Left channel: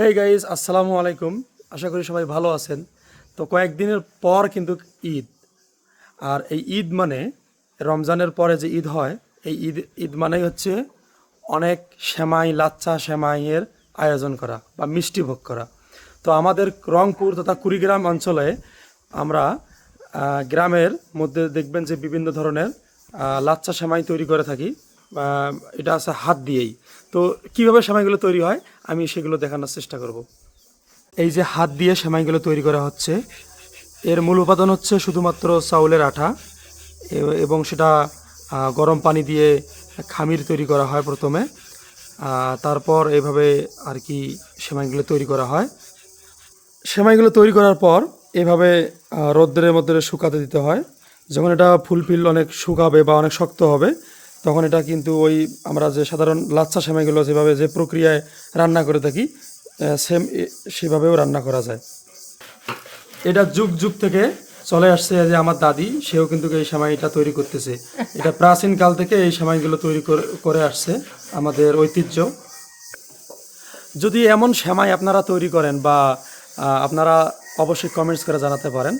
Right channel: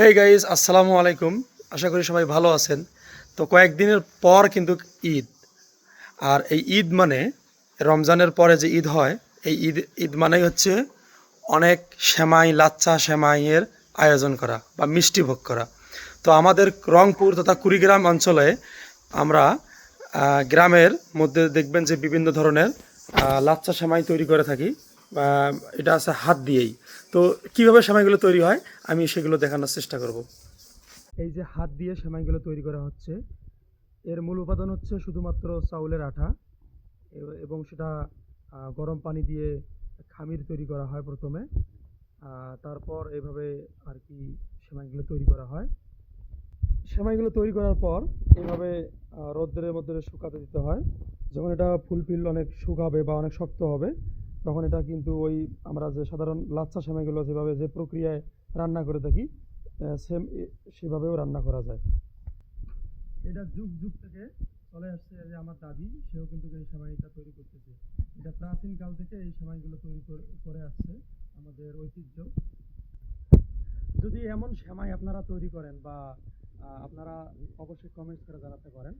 Hey guys, আসসালামু আলাইকুম। আশা করি সবাই ভালো আছেন। তো কয়েকদিনের পর কিন্তু ঈদ। আর এই ঈদ মানে রমজানের পরে যে ঈদ হয়, এই ঈদ ঈদ মানেই হচ্ছে অনেক সেমাই, লাচ্চা সেমাইয়ের আয়োজন করা বা মিষ্টি ভোগ করা। তো আমাদের রংপুর তথা কুড়িগ্রাম অঞ্চলে আমরা গ্রামের মধ্যে দেখবেন যে বিভিন্ন ধরনের লাচ্চা সেমাই তৈরি করে থাকি। এটা আছে হাত দিয়েই। তো কিভাবে সেমাইগুলো তৈরি হয় আমি সেগুলো দেখানোর চেষ্টা করব। এই যে হাত দিয়ে সেমাইগুলো তৈরি করা হচ্ছে, এর মূল উপাদান হচ্ছে শুধুমাত্র চাউলের আটা এবং সেটা গরম পানি দিয়ে খামির তৈরি করা হয় প্রথমে। তারপর এইভাবে আর কি সেমাইগুলো তৈরি করা হয়। সেমাইগুলো তৈরি করার পর এভাবে রৌদ্রের মধ্যে শুকাতে দিতে হয়। যখন এটা ফুলফিল অনেক শুকাবে বা অনেক শক্ত হবে, তখন এটা কিন্তু ওই আমরা যে সাধারণ লাচ্ছা সেমাইগুলো যেভাবে যে প্রক্রিয়ায় রান্না করে থাকি, সেম সেভাবেও রান্না করা যায়। এটা যুগ যুগ থেকে চলে আসছে। যে আমার দাদি, সেও কিন্তু এই সেমাইটা তৈরি করতেছে। এটা প্রাচীন কাল থেকে এই সেমাইগুলো তৈরি করে আসছে, আমাদের ঐতিহ্য। যদি এমন সেমাই আপনারা তৈরি করেন বা আপনারা অবশ্যই কমেন্টস করে জানাতে পারেন।